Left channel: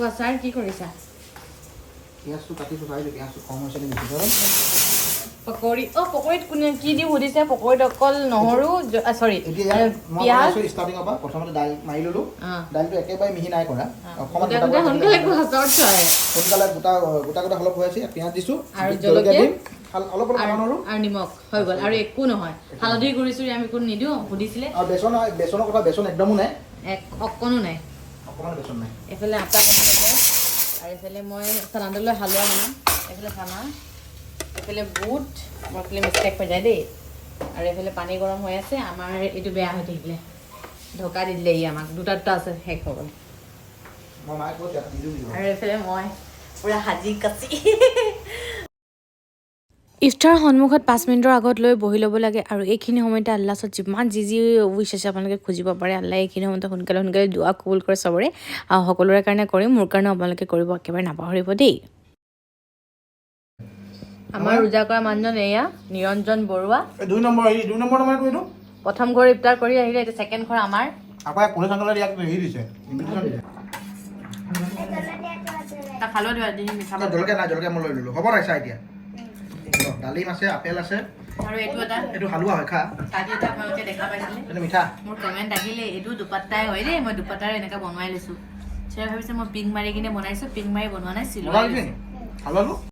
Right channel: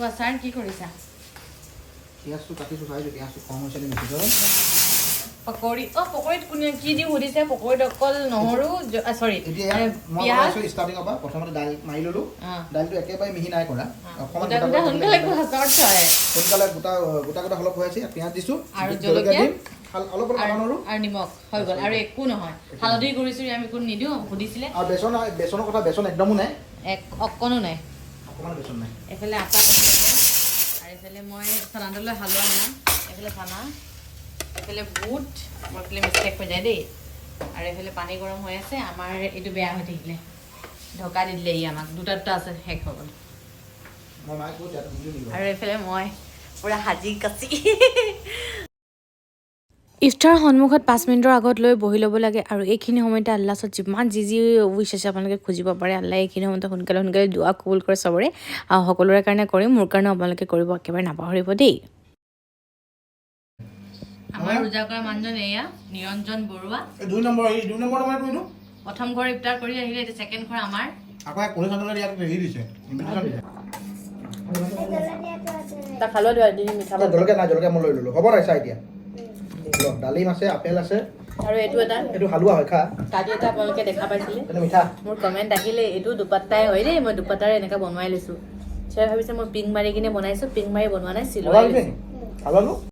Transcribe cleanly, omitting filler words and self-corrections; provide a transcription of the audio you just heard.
কোৱা ছাৰ কি কৰিছা? পিঁয়াজটো কাটিছোঁ চাইছোঁ পিঁয়াজটো কম হৈছে নে বেছি ধৰক পকৰি পকৰিত কোনে কি দি সুধিছে? পকৰিত অকল নহৰু চৰি এতিয়া মই বনাইছোঁ ষ্টাৰ্টিঙৰ পৰা প্ৰথমতে দাইল মাৰি ল'লোঁ দাইলটো একেবাৰে মিহি নাই কৰা অকণমান সোনকালে গোটা অলপ হৈ আছে পিঁয়াজ দিছোঁ আৰু জলকীয়া অলপ নহৰু আৰু নিমখ হৈ গ'ল আৰু একো নহয় হালধি গুড়ি আমি একো নিদিওঁ সুধিছিলে আৰু বেচনৰ কথা বেচন একদমো নাই অকণো নাই অকণমান বেচন নাই এইফালে আটা কমি যাব আৰু এইফালে মই চানাডালৈ হালোৱা বনাম এইফালে চানা এইফালে বুট মোৰ এইফালে মিষ্টেক হৈ যায় দেই আৰু এইফালে পানী গৰম হৈ আছে আমাৰ এইটো বেয়া হৈ থাকিলে ঢকা দি দিলে ই আমাক দুটা আছে শেষ হৈ গ'ল আৰু এইফালে মই পূৰা সাজি কাচি ইফতাৰ সন্মুখত 5 মিনিটৰ আগত লৈ বহি ল'ব লাগে আৰু এইখিনি সময়তে আল্লাহ ওচৰত যিমান যি উইচ আছে আপোনালোকে খুজিব পাৰে আল্লাহ এইখিনি সময়তে সোনকালে দুৱা কবুল কৰে চবৰে আৰু সকলোৰে কাৰণে কৰিম মোৰ কাৰণে আপোনালোকে কৰিব একেবাৰে নাপাহৰিব দেই আমাৰ ৰোজা কৰা মানুহজন এয়া নিৰঞ্জন বৰুৱা 2 নম্বৰ কৰিলোঁ প্ৰথম ঘৰ ইফতাৰ কৰি আহিলে এতিয়া ছেকেণ্ড ঘৰ আমাৰ আকৌ কোনে চানলে ইয়াক হেৰি দিছে ইনভিটেশ্যন দিছে তাক খালেও দিবা দি মিঠা পাত জলকীয়া মই লৈ ল'লোঁ হ'ব নাই চা এতিয়া ডালিম আছে আপেল আছে আৰু এইটো হালোৱা হয় খা কালি এটা আপোনালোকে দেখা পাইছিলে এইটো মিঠা মোৰ কমেণ্ট আহিলে এইটো দুপাত্তাই হয় দেই মই দুপাত্তাৰে এনেকৈ বনাই লৈছোঁ চাই ভাবিছে মই পিং মাৰি কিনে বনাইছোঁ পিং মাৰি বনোৱা নাই চিলোৱা হালোৱাটো